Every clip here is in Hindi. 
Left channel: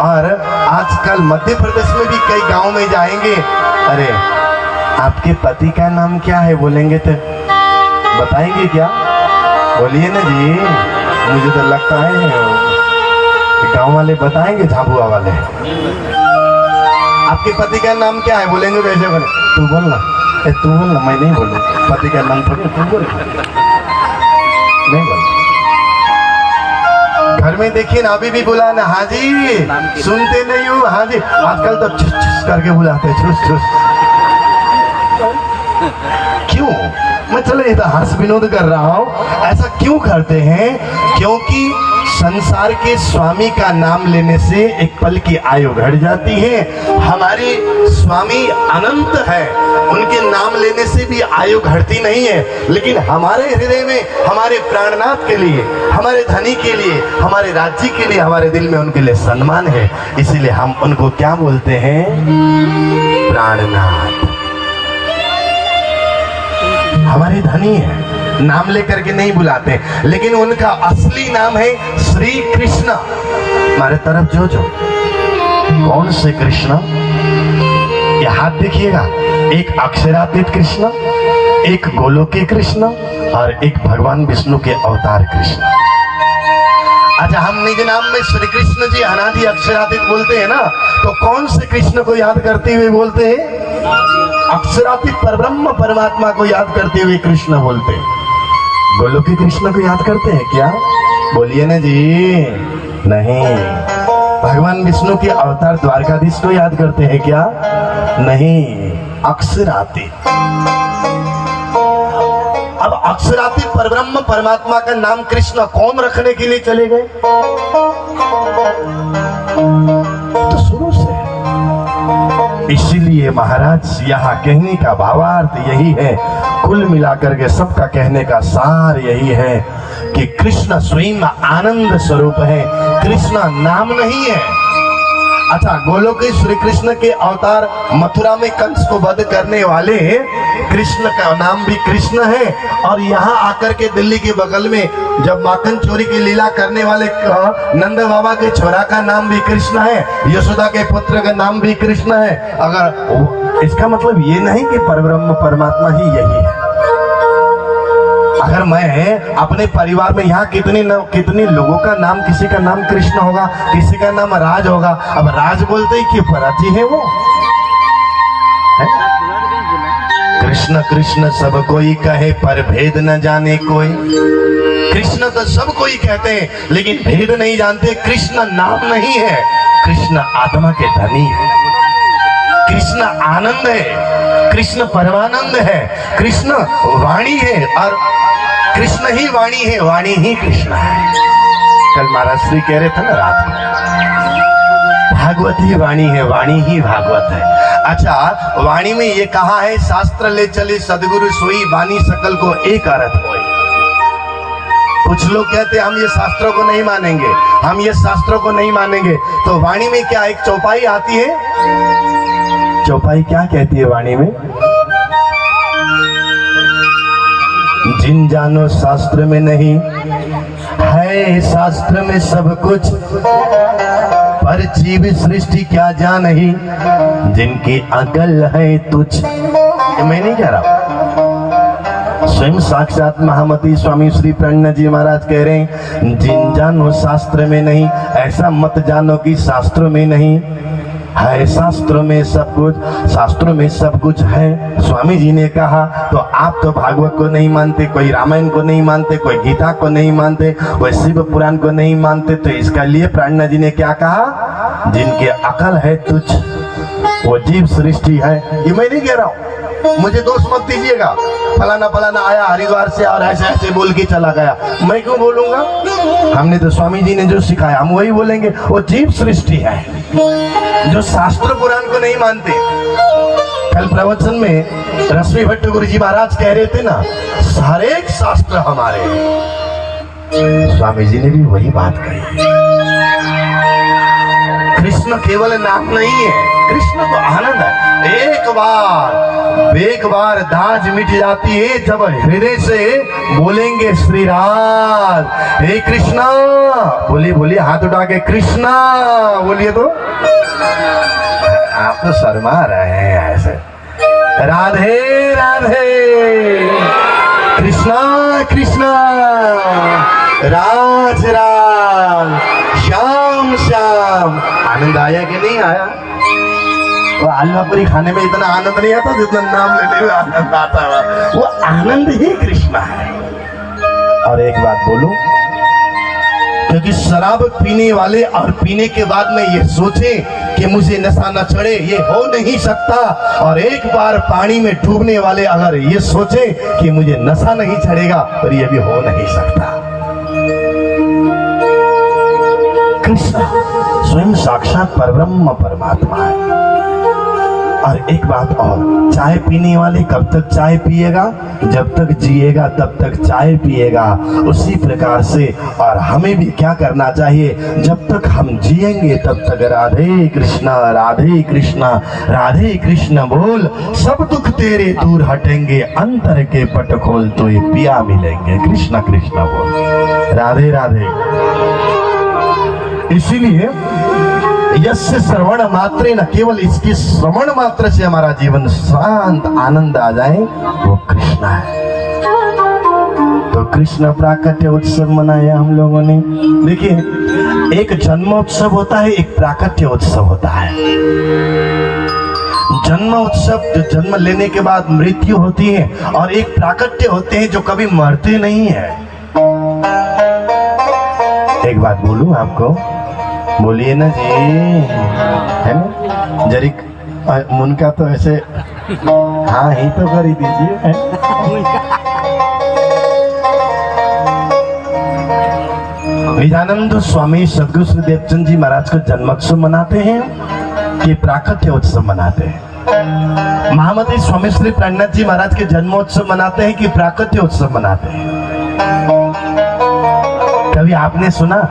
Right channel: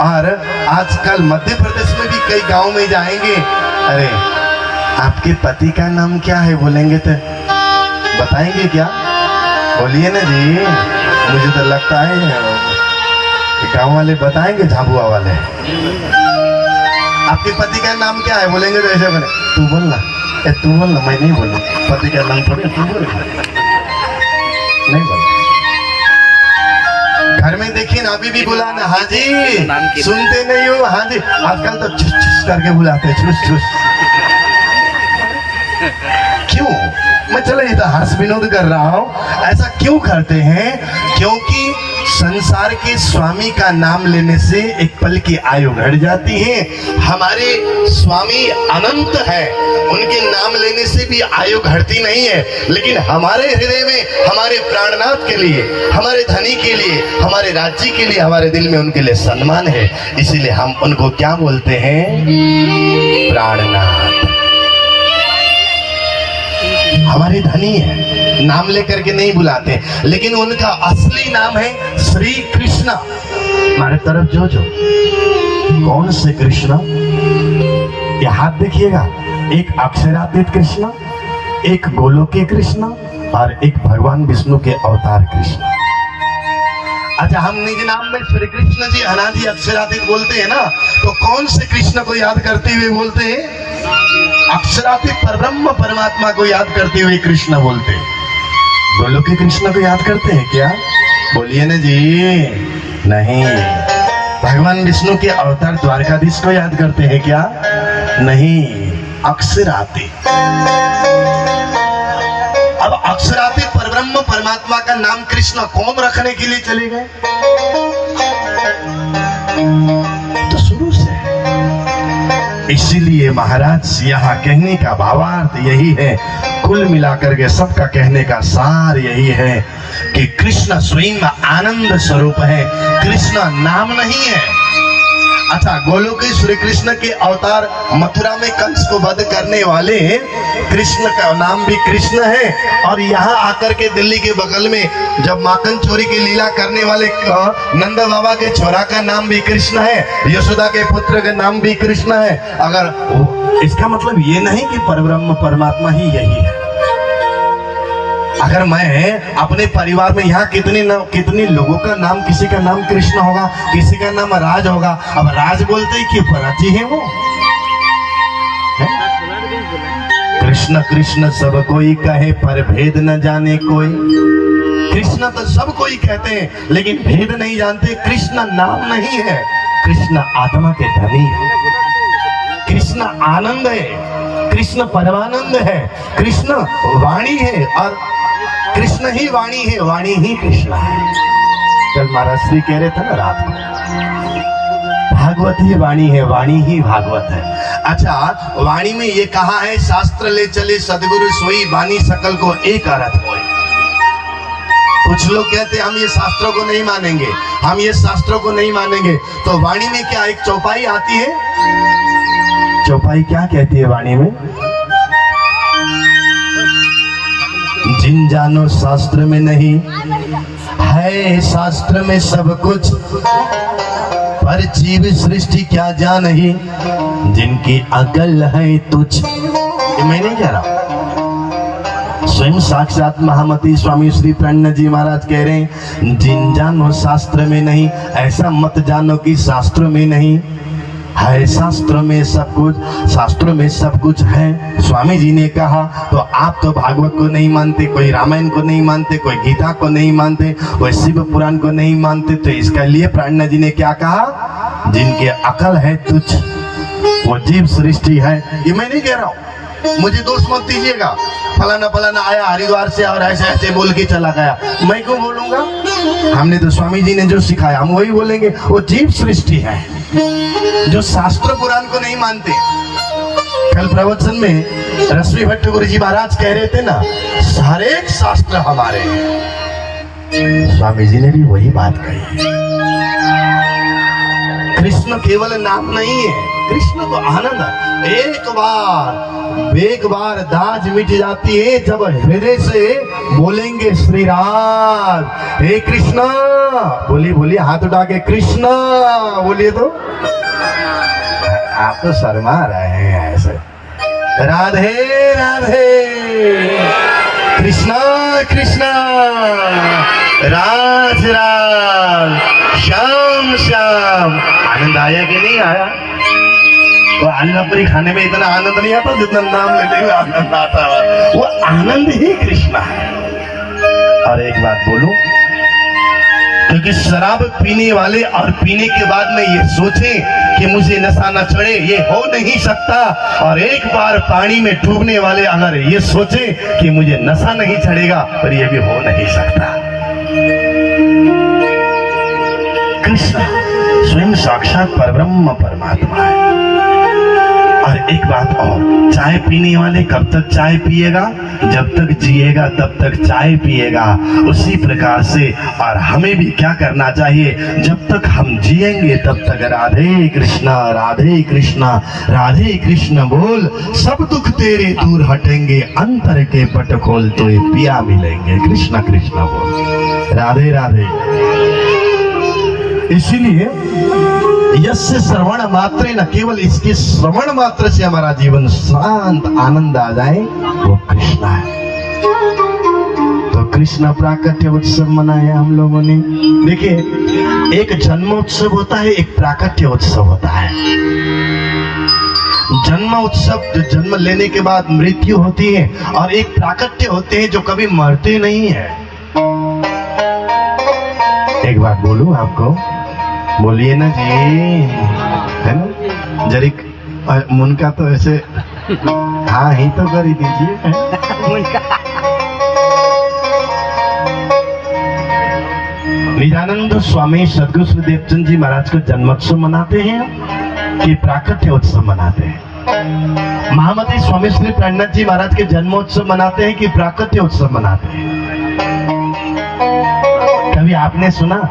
और आजकल मध्य प्रदेश में भी कई गांव में जाएंगे, अरे आपके पति का नाम क्या है बोलेंगे तो बताएंगे क्या? बोलिए ना जी, मुझे तो लगता है गांव वाले बताएंगे, झाबुआ वाले। आपके पति का नाम क्या है बोलेंगे तो ऐसे बोले, तू बोल ना, तू बोल ना, मैं नहीं बोलूँ, पति का नाम थोड़ी, तू बोल, नहीं बोल। घर में देखिए ना, अभी भी बुलाना, हाँ जी, सुनते नहीं हो, हाँ जी, आजकल तो छुस छुस करके बुलाते हैं, छुस छुस। क्यों? मैं चलो ये तो हंस विनोद कर रहा हूँ, ऐसा क्यों करते हैं? क्योंकि संसार के स्वामी का नाम लेने से एक पल की आयु घट जाती है। हमारे स्वामी अनंत है, उनके नाम लेने से भी आयु घटती नहीं है, लेकिन हमारे हृदय में, हमारे प्राणनाथ के लिए, हमारे धनी के लिए, हमारे राज्य के लिए, हमारे दिल में उनके लिए सम्मान है, इसीलिए हम उनको क्या बोलते हैं? प्राणनाथ। हमारे धनी है, नाम लेकर के नहीं बुलाते, लेकिन उनका असली नाम है श्री कृष्ण। हमारे तरफ जो कौन से कृष्ण? ये हाथ देखिएगा, एक अक्षरातीत कृष्ण, एक गोलोकी कृष्ण और एक भगवान विष्णु के अवतार कृष्ण। अच्छा, हम निज नाम में श्री कृष्ण जी अनादि अक्षरातीत बोलते हैं ना, तो कौन से कृष्ण को याद करते हुए बोलते हैं? अक्षरातीत परब्रह्म परमात्मा को याद करते हुए कृष्ण बोलते हैं। गोलोकी कृष्ण को याद करते हैं क्या? बोलिए ना जी, नहीं। भगवान विष्णु के अवतार द्वारकाधीश को याद करते हैं क्या? नहीं, अक्षरातीत। अब अक्षरातीत परब्रह्म परमात्मा का नाम कृष्ण कौन रखने के लिए चले गए? तो शुरू से। इसीलिए महाराज यहाँ कहने का भावार्थ यही है, कुल मिलाकर के सबका कहने का सार यही है कि कृष्ण स्वयं आनंद स्वरूप है, कृष्ण नाम नहीं है। अच्छा, गोलोक श्री कृष्ण के अवतार मथुरा में कंस को वध करने वाले कृष्ण का नाम भी कृष्ण है, और यहाँ आकर के दिल्ली के बगल में जब माखन चोरी की लीला करने वाले नंद बाबा के छोरा का नाम भी कृष्ण है, यशोदा के पुत्र का नाम भी कृष्ण है। अगर इसका मतलब ये नहीं कि परब्रह्म परमात्मा ही यही है। अगर मैं अपने परिवार में यहाँ कितने लोगों का नाम, किसी का नाम कृष्ण होगा, किसी का नाम राज होगा। अब राज बोलते ही क्यों? पराजी है वो। कृष्ण कृष्ण सब कोई कहे, पर भेद न जाने कोई। कृष्ण तो सब कोई कहते हैं, लेकिन भेद नहीं जानते। कृष्ण नाम नहीं है, कृष्ण आत्मा के धनी है, कृष्ण आनंद है, कृष्ण परमानंद है, कृष्ण वाणी है, और कृष्ण ही वाणी है, वाणी ही कृष्ण है। कल महाराज श्री कह रहे थे ना रात में, भागवत ही वाणी है, वाणी ही भागवत है। अच्छा, वाणी में ये कहा है, शास्त्र ले चले सदगुरु सोई, वाणी सकल को एक अर्थ होए। कुछ लोग कहते हैं हम ये शास्त्रों को नहीं मानेंगे, हम ये शास्त्रों को नहीं मानेंगे। तो वाणी में क्या एक चौपाई आती है? चौपाई क्या कहती है वाणी में? जिन जानो शास्त्र में नहीं है, शास्त्र में सब कुछ, पर जीव सृष्टि क्या जानही, जिनकी अकल है तुच्छ। ये मैं नहीं कह रहा, स्वयं साक्षात महामती स्वामी श्री प्रणनाथ जी महाराज कह रहे हैं, जिन जानो शास्त्र में नहीं, ऐसा मत जानो कि शास्त्रों में नहीं है। शास्त्रों में सब कुछ, शास्त्रों में सब कुछ है, स्वामी जी ने कहा। तो आप तो भागवत को नहीं मानते, कोई रामायण को नहीं मानते, कोई गीता को नहीं मानते, कोई शिव पुराण को नहीं मानते, तो इसका लिए प्राणनाथ जी ने क्या कहा? जिनके अकल है तुच्छ, वो जीव सृष्टि है। ये मैं नहीं कह रहा हूँ, मुझे दोष मत दीजिएगा, फलाना फलाना आया हरिद्वार से और ऐसे ऐसे बोल के चला गया, मैं क्यों बोलूंगा? हमने तो स्वामी जी ने जो सिखाया हम वही बोलेंगे। वो जीव सृष्टि है, जो शास्त्र पुराण को नहीं मानते। कल प्रवचन में रश्मि भट्ट गुरु जी महाराज कह रहे थे ना, हर एक शास्त्र हमारे हैं। स्वामी जी ने भी वही बात कही। कृष्ण केवल नाम नहीं है, कृष्ण तो आनंद है। एक बार दाज मिट जाती है जब हृदय से बोलेंगे श्री राधे हे कृष्णा, बोलिए बोलिए हाथ उठा के कृष्णा बोलिए। तो आप तो शर्मा रहे हैं ऐसे। राधे राधे कृष्णा कृष्णा राज राज श्याम श्याम। आनंद आया कि नहीं आया? वो आलनापुरी खाने में इतना आनंद नहीं आता जितना नाम लेते हुए आनंद आता है। वो आनंद ही कृष्णा है। और एक बात बोलूं, क्योंकि शराब पीने वाले और पीने के बाद में ये सोचे कि मुझे नशा न चढ़े, ये हो नहीं सकता। और एक बार पानी में डूबने वाले अगर ये सोचे कि मुझे नशा नहीं चढ़ेगा, पर ये भी हो नहीं सकता। कृष्ण स्वयं साक्षात परब्रह्म परमात्मा है। और एक बात और, चाय पीने वाले कब तक चाय पिएगा? जब तक जिएगा तब तक चाय पिएगा। उसी प्रकार से और हमें भी क्या करना चाहिए? जब तक हम जिएंगे तब तक राधे कृष्णा राधे कृष्ण बोल, सब दुख तेरे दूर हटेंगे, अंतर के पट खोल तो ये पिया मिलेंगे। कृष्ण कृष्ण बोल, राधे राधे। इसीलिए यस्य श्रवण मात्रे न, केवल इसके श्रवण मात्र से हमारा जीवन शांत आनंद आ जाए, वो कृष्ण है। तो कृष्ण प्राकट्य उत्सव मनाया हम लोगों ने। देखिए, एक जन्मोत्सव होता है, एक प्राकट्य उत्सव होता है। जन्म उत्सव जो जन्म लेने के बाद मृत्यु होती है, और एक प्राकट्य होते हैं जो कभी मरते नहीं है। एक बात बोलूं आपको, बोलिए ना जी, है ना? जरिक मुनका तो ऐसे हाँ ही तो कर ही दीजिए। निजानंद स्वामी सदगुरु श्री देवचंद जी महाराज का जन्मोत्सव मनाते हैं कि प्राकट्य उत्सव मनाते हैं? महामती स्वामी श्री प्रणनाथ जी महाराज के जन्मोत्सव मनाते हैं कि प्राकट्य उत्सव मनाते हैं? कभी आपने सुना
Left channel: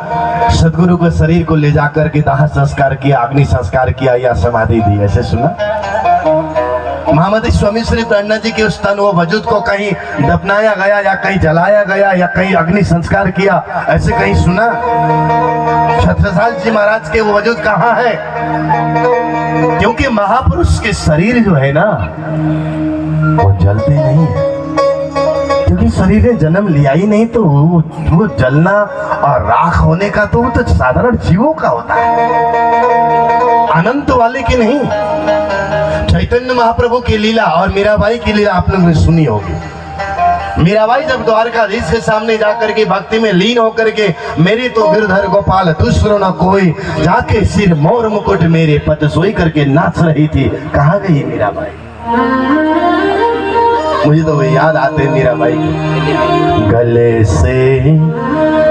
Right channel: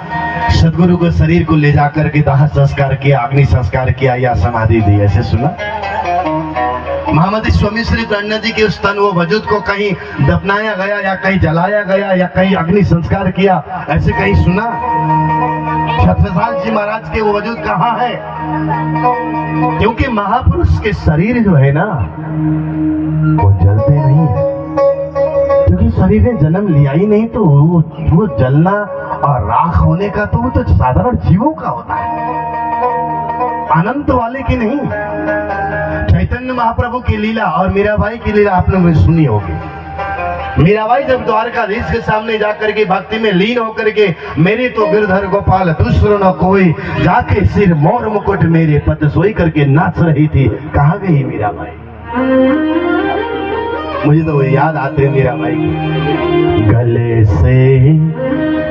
सदगुरु के शरीर को ले जाकर के दाह संस्कार किया, अग्नि संस्कार किया या समाधि दी, ऐसे सुना? महामती स्वामी श्री प्रणनाथ जी के उस तन व वजूद को कहीं दफनाया गया या कहीं जलाया गया या कहीं अग्नि संस्कार किया, ऐसे कहीं सुना? छत्रसाल जी महाराज के वो वजूद कहाँ है? क्योंकि महापुरुष के शरीर जो है ना, वो जलते नहीं है। क्योंकि शरीर ने जन्म लिया ही नहीं, तो वो जलना और राख होने का तो वो तो साधारण जीवों का होता है, अनंत वाले की नहीं। चैतन्य महाप्रभु की लीला और मीराबाई की लीला आपने सुनी होगी। मीराबाई जब द्वारकाधीश के सामने जाकर के भक्ति में लीन होकर के, मेरी तो गिरधर गोपाल दूसरो न कोई, जाके सिर मोर मुकुट मेरे पद सोई करके नाच रही थी। कहाँ गई मीराबाई? मुझे तो याद आते मीराबाई की। गले से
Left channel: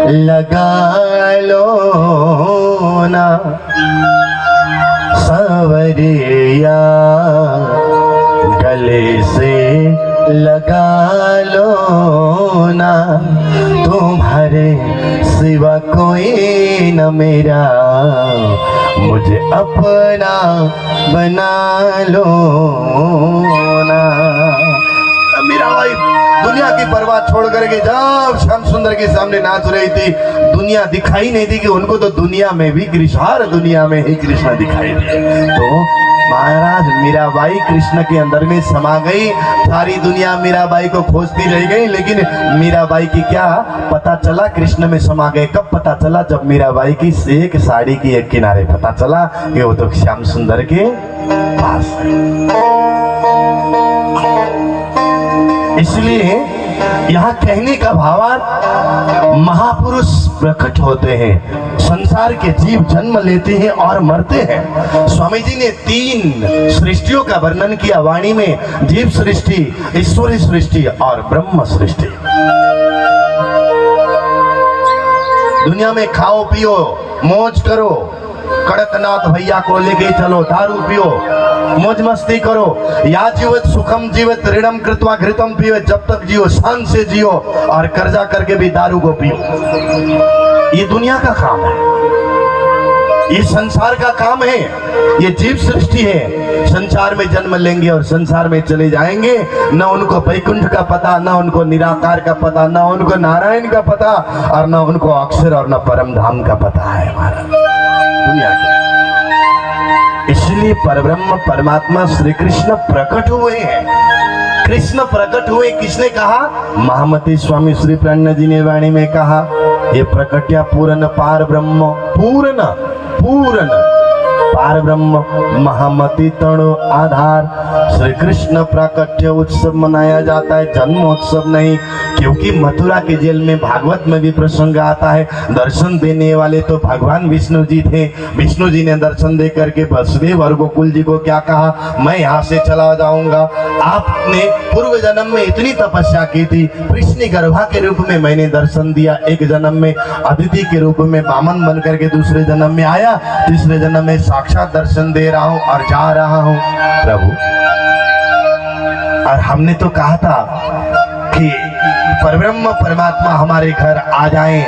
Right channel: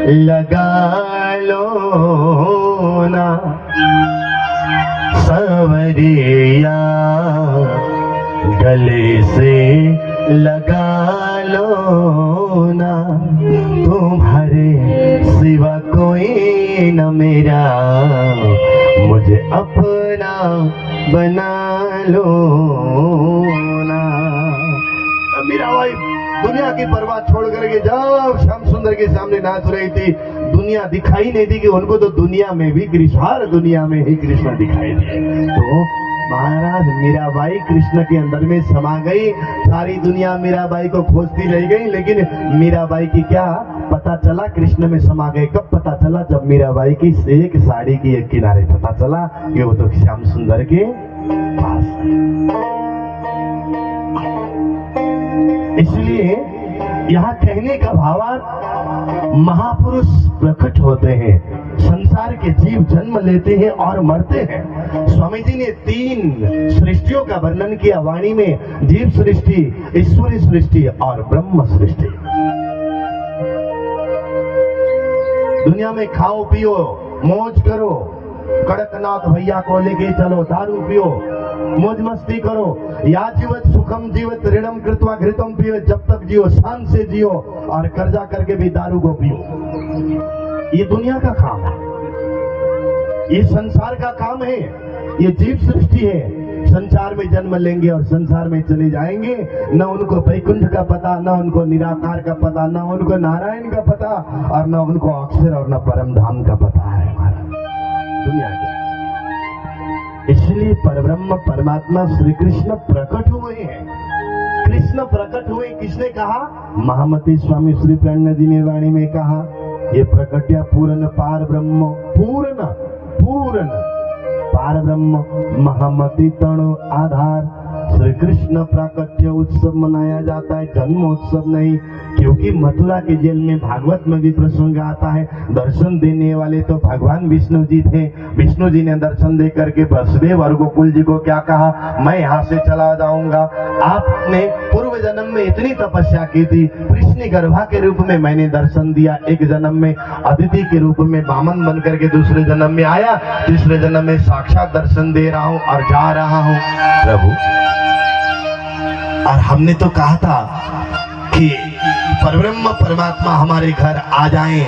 लगा लो ना सवरिया, गले से लगा लो ना, तुम्हारे सिवा कोई न मेरा, मुझे अपना बना लो ना। मीराबाई दुनिया की परवाह छोड़ करके जब श्याम सुंदर के सामने नाच रही थी, दुनिया दिखाई नहीं दी कि उनको तो दुनिया में भी कृष्ण, हर दुनिया में ही कृष्ण दिखाई दिए। तो महाराज मीराबाई कृष्ण के अंदर में समा गई। सारी दुनिया मीराबाई को खोजती रह गई, लेकिन मीराबाई की क्या पता चला कृष्ण में समा गए। कब पता चला? जब मीराबाई की एक साड़ी की एक किनारे पता चला कि वो तो श्याम सुंदर के पास है। इसलिए यहाँ कहने का भावार्थ, महापुरुष प्रकट होते हैं, संसार के जीव जन्म लेते हैं और मरते हैं। स्वामी जी ने 3 सृष्टियों का वर्णन किया वाणी में, जीव सृष्टि, ईश्वरी सृष्टि और ब्रह्म सृष्टि। दुनिया में खाओ पियो मौज करो, कड़कनाथ भैया को लेके चलो, दारू पियो, मौज मस्ती करो, या जीवत सुखम जीवत ऋणम कृत्वा घृतम पियो, जब तक जियो शान से जियो, और कर्जा करके भी दारू को पियो। ये दुनिया का काम है। ये संसार का काम है, ये जीव सृष्टि है। संसार में जन्म लेंगे और संसार में चले जाएंगे। न उनको वैकुंठ का पता, न उनको निराकार का पता, न उनको नारायण का पता, और न उनको अक्षर और न परम धाम का पता है हमारा दुनिया का। इसलिए परब्रह्म परमात्मा श्री कृष्ण प्रकट हुए हैं। कृष्ण प्रकट हुए, किसने कहा? महामती स्वामी श्री प्रणय जी ने वाणी में कहा, ये प्रकट्या पूर्ण पार ब्रह्म, पूर्ण पूर्ण पार ब्रह्म महामती तणो आधार। श्री कृष्ण प्राकट्य उत्सव मनाया जाता है, जन्मोत्सव नहीं, क्योंकि मथुरा के जेल में भागवत में भी प्रसंग आता है। दर्शन देने वाले तो भगवान विष्णु जी थे। विष्णु जी ने दर्शन दे करके वसुदेव और गोकुल जी को क्या कहा? मैं यहाँ से चला जाऊंगा। आपने पूर्व जन्म में इतनी तपस्या की थी, कृष्ण गर्भा के रूप में मैंने दर्शन दिया, एक जन्म में अदिति के रूप में वामन बन करके दूसरे जन्म में आया, तीसरे जन्म में साक्षात दर्शन दे रहा हूँ और जा रहा हूँ प्रभु। और हमने तो कहा था कि परब्रह्म परमात्मा हमारे घर आ जाएं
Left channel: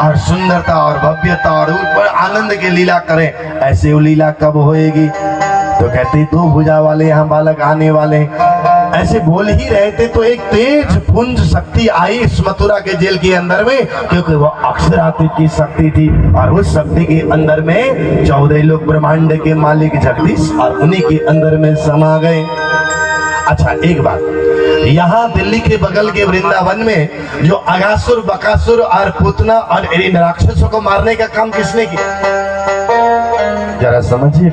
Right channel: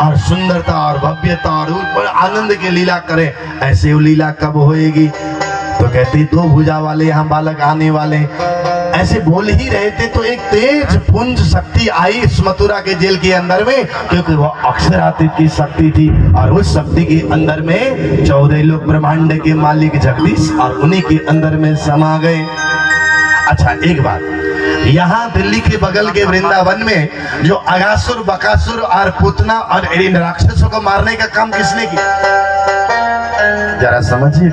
और सुंदरता और भव्यता और बड़े आनंद की लीला करें। ऐसी वो लीला कब होएगी? तो कहती दो भुजा वाले यहाँ बालक आने वाले। ऐसे बोल ही रहे थे तो एक तेज पुंज शक्ति आई इस मथुरा के जेल के अंदर में, क्योंकि वो अक्षरातीत की शक्ति थी और उस शक्ति के अंदर में 14 लोग ब्रह्मांड के मालिक जगदीश और उन्हीं के अंदर में समा गए। अच्छा एक बात, यहाँ दिल्ली के बगल के वृंदावन में जो अगासुर बकासुर और पुतना और इन राक्षसों को मारने का काम किसने किया? जरा समझिए,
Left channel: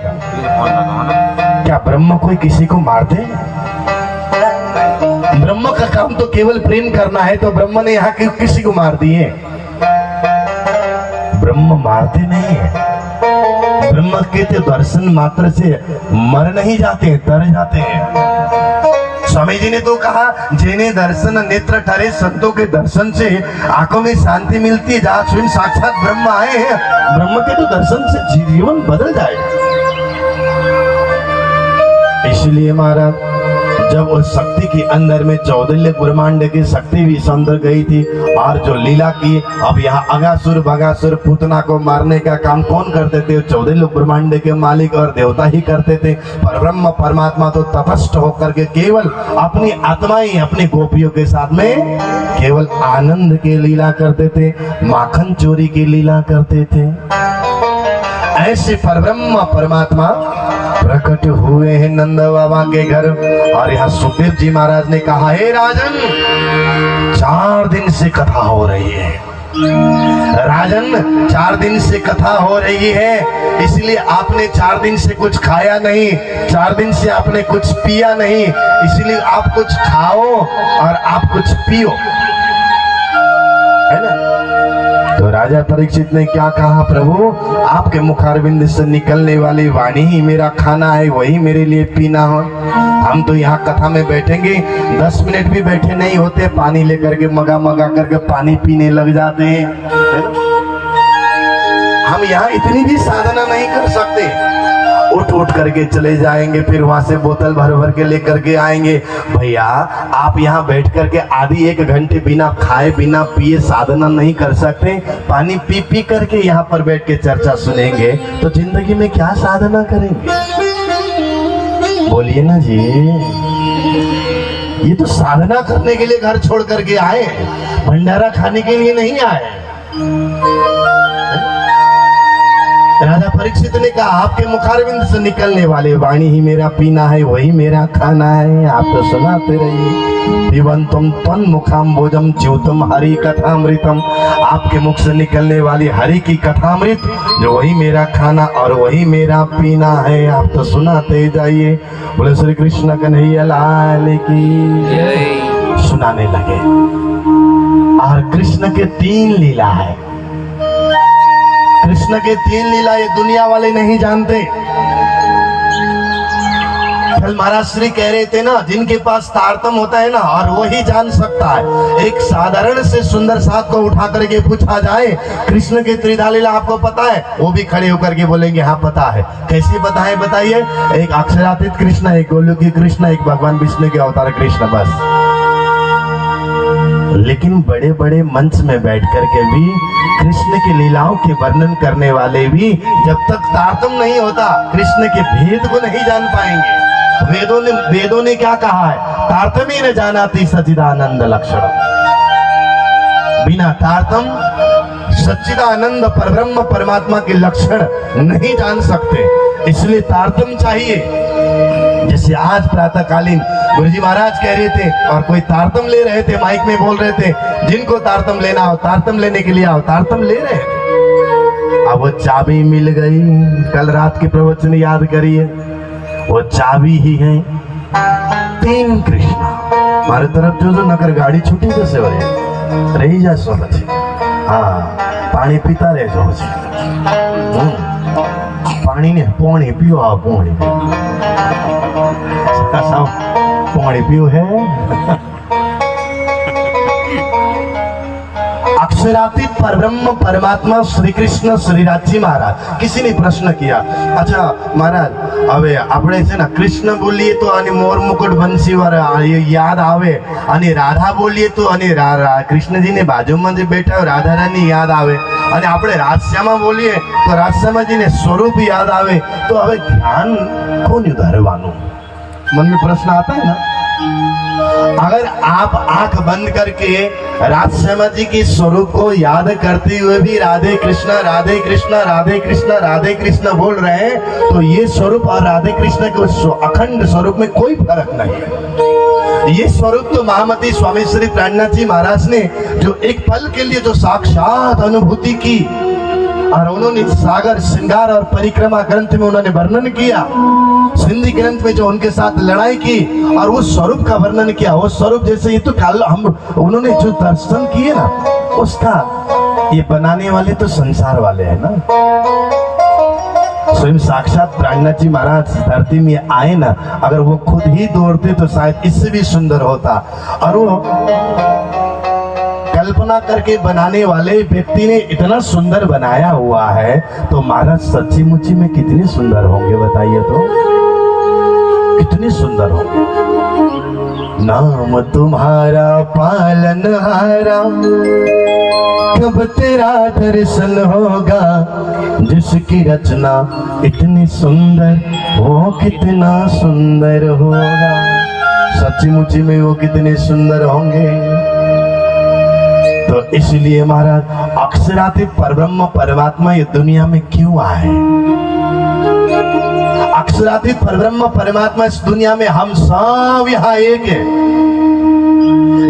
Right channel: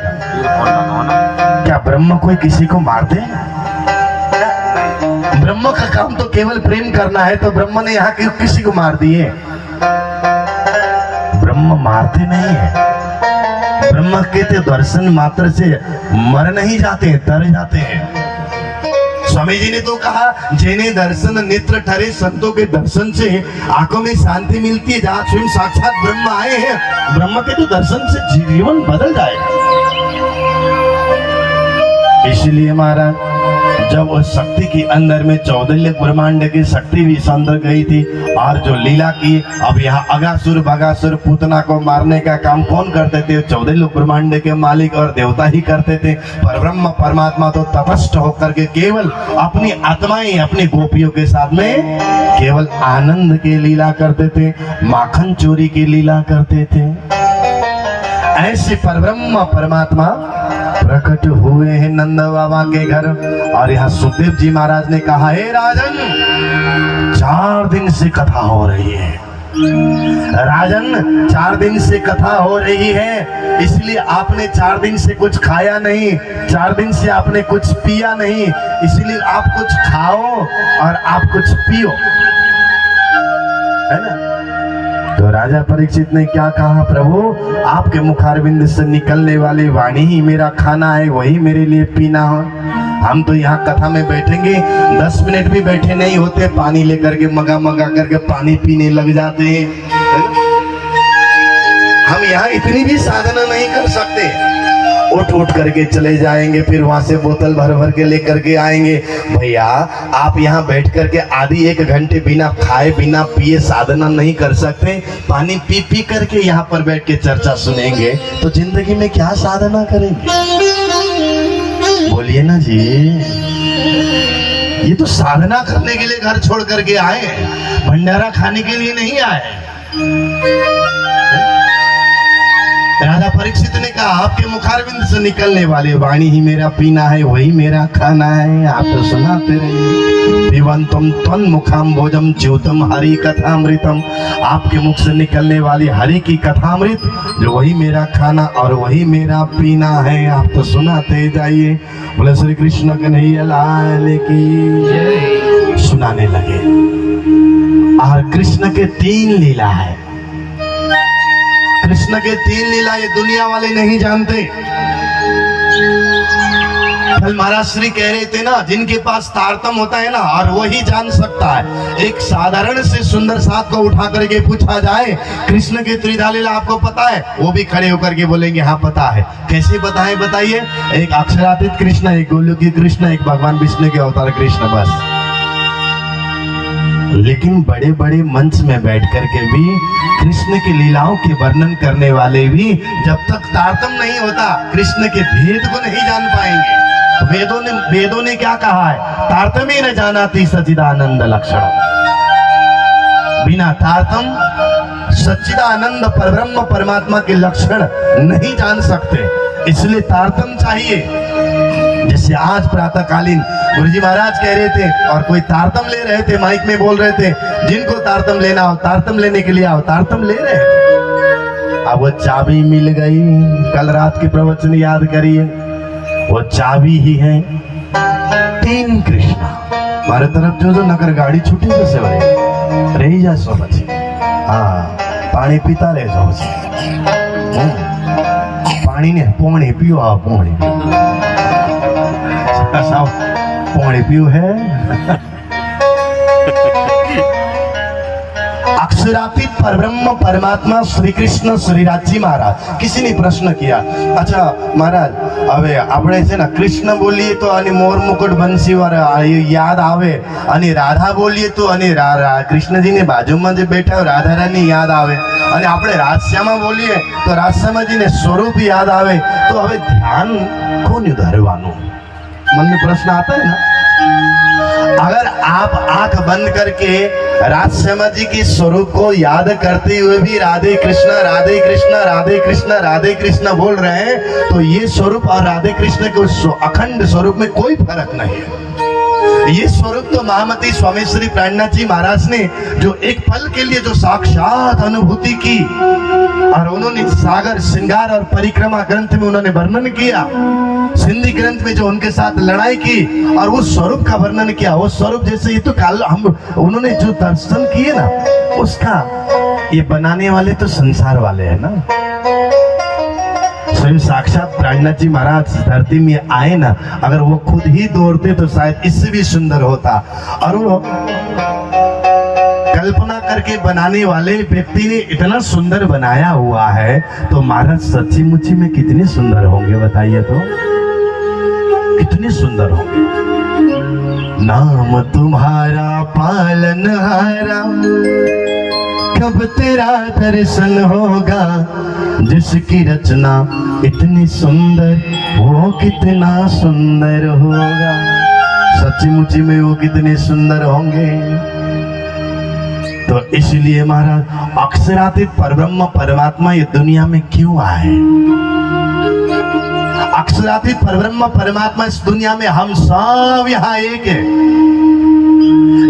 क्या ब्रह्म कोई किसी को मारते हैं? ब्रह्म का काम तो केवल प्रेम करना है, तो ब्रह्म ने यहाँ किसी को मार दिए? ब्रह्म मारते नहीं है। ब्रह्म के तो दर्शन मात्र से मर नहीं जाते, तर जाते हैं। स्वामी जी ने तो कहा, जिन्हें दर्शन नेत्र ठहरे, संतों के दर्शन से आंखों में शांति मिलती है। जहाँ स्वयं साक्षात ब्रह्म आए हैं, ब्रह्म के तो दर्शन से जीवन बदल जाएगा। इसलिए महाराज जब उस शक्ति के अंदर में 14 ब्रह्मांड की शक्ति भी अंदर गई थी और जो लीला की, अब यहाँ अगासुर भगासुर पुतना को मारने का काम कौन करते थे? 14 ब्रह्मांड के मालिक और देवता ही करते थे। परब्रह्म परमात्मा तो तटस्थ होकर के केवल अपनी आत्माएं अपनी गोपियों के साथ में केवल आनंद की लीला करते थे, माखन चोरी की लीला करते थे। ऐसे परब्रह्म परमात्मा प्रकट हुए हैं नंद बाबा के घर। और यहाँ सुखदेव जी महाराज ने कहा, हे राजन, 4 दिन से कथा हो रही है। राजन 4 दिन से कथा हो रही है, इसलिए आपने 4 दिन से कुछ खाया नहीं, 4 दिन से आपने कुछ पिया नहीं, इसलिए आप कुछ खाओ और आप कुछ पियो, है ना? तो राजा परीक्षित ने क्या कहा? प्रभु, आपके मुखारविंद से निकलने वाली वाणी ही मेरा खाना है, वही मेरे लिए पीना हो। हम तो यहाँ कथा में बैठेंगे, 10 मिनट भी बैठे नहीं होते, पानी लेकर के मगा मगा करके पानी पीने लग जाते हैं। हम यहाँ इतनी भी साधना नहीं कर सकते। उठ उठ करके चले जाएंगे, फिर वहां से बोतल भर भर के लेकर के आएंगे। भैया आप यहाँ बैठ करके आधी 1 घंटे बिना खाए बिना पिए साधना नहीं कर सकते? पानी पी पी करके यहाँ पर बैठ के चर्चा सुनेंगे तो जिंदगी में क्या साधना करेंगे? बोलिए ना जी। ये तो साधना करने के लिए घर छोड़ करके आए, भंडारा खाने के लिए नहीं आए। राजा परीक्षित ने कहा, आपके मुखारविंद से निकलने वाले वाणी ही मेरा पीना है, वही मेरा खाना है। आप तो सुनाते रहिए। पिबंतम तन मुखाम भोजम ज्योतम हरि कथामृतम। आपके मुख से निकलने वाली हरि की कथामृत जो वही मेरा खाना और वही मेरा पीना है। आप तो सुनाते जाइए। बोले श्री कृष्ण कन्हैया लाल की। सुनाने लगे। और कृष्ण के 3 लीला है। कृष्ण के 3 लीला ये दुनिया वाले नहीं जानते। कल महाराज श्री कह रहे थे ना, जिनके पास तारतम होता है ना, और वही जान सकता है। एक साधारण से सुंदर साथ को उठा करके पूछा जाए, कृष्ण के त्रिधा लीला आपको पता है? वो भी खड़े होकर के बोलेंगे हाँ पता है। कैसे बताए बताइए? एक अक्षरातीत कृष्ण, एक गोलोकी कृष्ण, एक भगवान विष्णु के अवतार कृष्ण, बस। लेकिन बड़े बड़े मंच में बैठ करके भी कृष्ण की लीलाओं के वर्णन करने वाले भी जब तक तारतम्य नहीं होता कृष्ण के भेद को नहीं जान पाएंगे। वेदों ने क्या कहा है? तारतम्य न जानाति सच्चिदानंद लक्षण। बिना तारतम्य सच्चिदानंद परब्रह्म परमात्मा के लक्षण नहीं जान सकते, इसलिए तारतम्य चाहिए। जैसे आज प्रातःकालीन गुरुजी महाराज कह रहे थे और कोई तारतम ले रहे थे, माइक में बोल रहे थे, जिनको तारतम लेना हो तारतम लेने के लिए आओ, तारतम ले रहे थे। अब वो चाबी मिल गई। कल रात के प्रवचन याद करिए, वो चाबी ही है 3 कृष्णा। हमारे तरफ जो नगर गाड़ी छूटी तो से रही जा सो बचे। हाँ, पानी पीता रहे सो बचे। पानी ने पोणी पियो, आओ पोणी पोणी पियो है। अक्षरातीत परब्रह्म परमात्मा श्री कृष्ण श्रीराजी महाराज। किसी ने प्रश्न किया, अच्छा महाराज હવે આપણે છે ને કૃષ્ણ બોલીએ તો અને મોર મુકુટ બંસી વાળા યાદ આવે, અને રાધા બોલીએ તો અને કૃષ્ણજીની બાજુમાં જે બેઠા હોય રાધા રાની યાદ આવે, અને આપણે રાધશ્યામા બોલીએ તો રાધશ્યામાજીને સ્વરૂપ યાદ આવે, તો હવે ધ્યાન કોનું ધરવાનું? मन में प्रश्न आता है ना। अगर आप आंख बंद करके राधश्यामा जी की स्वरूप को याद करते हुए भी राधे कृष्णा राधे कृष्णा राधे कृष्णा राधे कृष्णा बोल रहे हैं, तो ये स्वरूप और राधे कृष्ण के अखंड स्वरूप में कोई फर्क नहीं है। ये स्वरूप तो महामती स्वामी श्री प्राणनाथ जी महाराज ने जो एक पल के लिए जो साक्षात अनुभूति की, और उन्होंने सागर श्रृंगार और परिक्रमा ग्रंथ में उन्होंने वर्णन किया, सिंधी ग्रंथ में जो उनके साथ लड़ाई की और उस स्वरूप का वर्णन किया, वो स्वरूप जैसे ये तो कल हम उन्होंने जो दर्शन किए ना, उसका ये बनाने वाले तो संसार वाले हैं ना। स्वयं साक्षात प्राणनाथ जी महाराज धरती में आए ना, अगर वो खुद ही दौड़ते तो शायद इससे भी सुंदर होता। और वो कल्पना करके बनाने वाले व्यक्ति ने इतना सुंदर बनाया हुआ है, तो महाराज सच्ची मुच्ची में कितने सुंदर होंगे बताइए तो, कितने सुंदर होंगे। नाम तुम्हारा पालनहारा, कब तेरा दर्शन होगा, जिसकी रचना इतनी सुंदर वो कितना सुंदर होगा। सच्ची मुच्ची में वो कितने सुंदर होंगे। तो इसलिए महाराज अक्षरातीत परब्रह्म परमात्मा ये दुनिया में क्यों आए? अक्षरातीत परब्रह्म परमात्मा इस दुनिया में हम सब यहाँ एक है।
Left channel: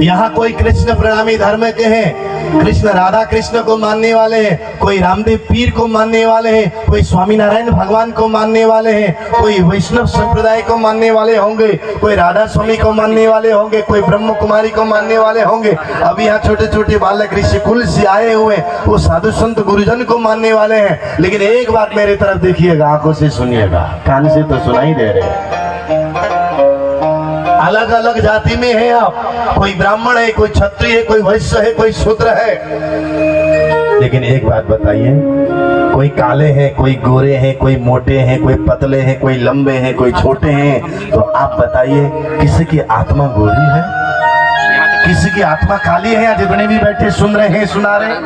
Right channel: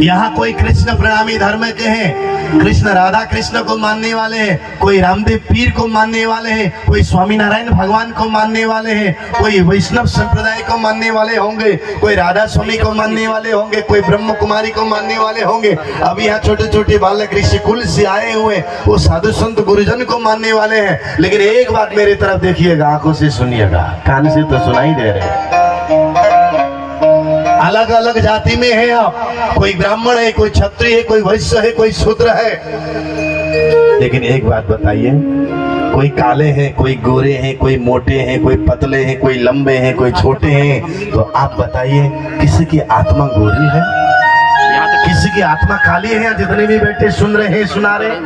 यहाँ कोई कृष्ण प्रणामी धर्म के हैं, कृष्ण राधा कृष्ण को मानने वाले हैं, कोई रामदेव पीर को मानने वाले हैं, कोई स्वामीनारायण भगवान को मानने वाले हैं, कोई वैष्णव संप्रदाय को मानने वाले होंगे, कोई राधा स्वामी को मानने वाले होंगे, कोई ब्रह्म कुमारी को मानने वाले होंगे। अभी यहाँ छोटे छोटे बालक ऋषि कुल से आए हुए, वो साधु संत गुरुजन को मानने वाले हैं। लेकिन एक बात मेरे तरफ देखिएगा, आंखों से सुनिएगा, कान से तो सुनाई दे रहे। अलग अलग जाति में है आप, कोई ब्राह्मण है, कोई क्षत्रिय है, कोई वैश्य है, कोई शूद्र है। लेकिन एक बात बताइए, कोई काले हैं, कोई गोरे हैं, कोई मोटे हैं, कोई पतले हैं, कोई लंबे हैं, कोई छोटे हैं। तो आप बताइए किसी की आत्मा गोरी है, किसी की आत्मा काली है? जितने भी बैठे सुन रहे हैं, सुना रहे हैं,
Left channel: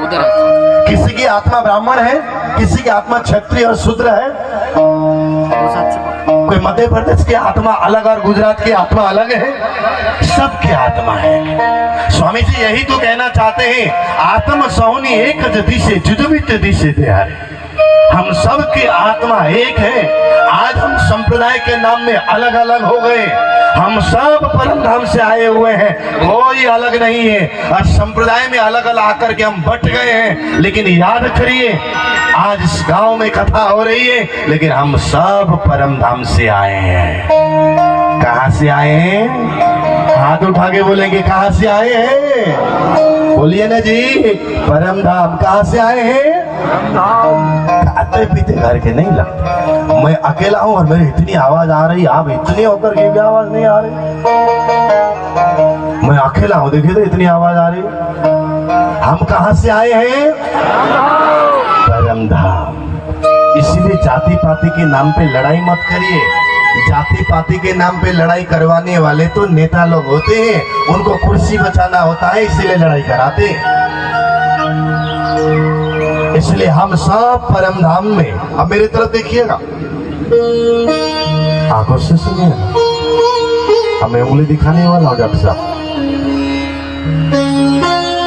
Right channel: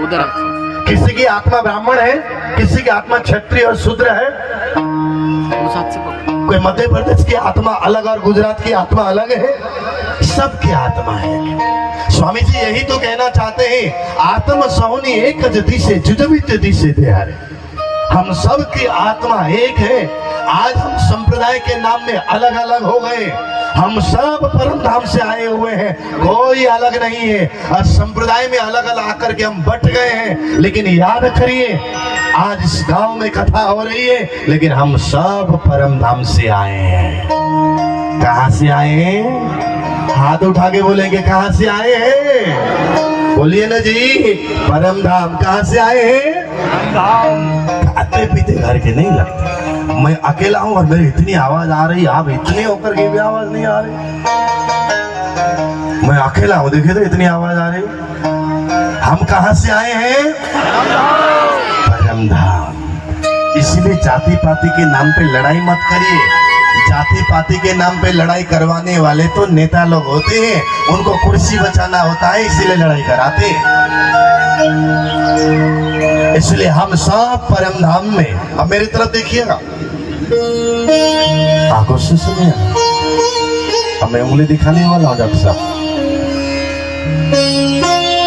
किसी की आत्मा ब्राह्मण है, किसी की आत्मा क्षत्रिय और शूद्र है। कोई मध्य प्रदेश की आत्मा अलग और गुजरात की आत्मा अलग है, सबकी आत्मा है। स्वामी जी यही तो कहना चाहते हैं, आत्म सौनी एक दिशे जुजबित दिशे त्यारे। हम सब की आत्मा एक है। आज हम संप्रदाय के नाम में अलग अलग हो गए, हम सब परम धाम से आए हुए हैं, कोई अलग नहीं है। और संप्रदाय में अलग अलग आकर के हम बट गए हैं। लेकिन याद करिए, आज इस गांव में कथा हो रही है, लेकिन हम सब परम धाम से आए हैं। कहां से आए हैं? हाथ उठा के बोलेंगे, कहां से आए हैं? बोलिए ना जी, परम धाम। कहां से आए हैं? खाते पीते घर के नहीं लगते। मैं अकेला हूं और मेरी इतनी आवाज आ रही, आप इतनी होकर के भी आवाज नहीं आ रही। मैं अकेला हूं, देखिए तो इतनी आवाज आ रही। हम कहां से आए हैं? परम धाम। इसलिए जाति पाति के नाम पे लड़ाई मत करिए। जाति पाति के नाम पे लड़ाई करवाने वाले तो नेता लोग होते हैं, उनको कुर्सी बचाना होता है इसीलिए लड़ाई कराते हैं। इसलिए हम सब परम धाम में, अब मेरी तरफ देखिएगा, आंखों से सुनिए, अब मैं उंगली दिखाने वाला हूं डॉक्टर साहब।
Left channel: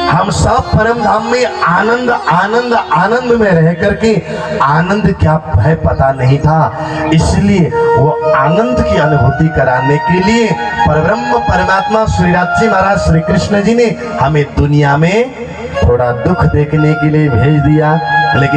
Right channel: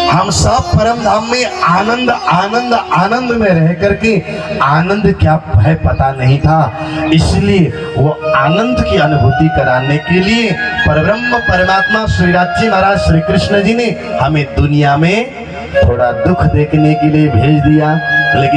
हम सब परम धाम में आनंद आनंद आनंद में रह करके आनंद क्या है पता नहीं था, इसलिए वो आनंद की अनुभूति कराने के लिए परब्रह्म परमात्मा श्री राज जी महाराज श्री कृष्ण जी ने हमें दुनिया में थोड़ा दुख देखने के लिए भेज दिया। लेकिन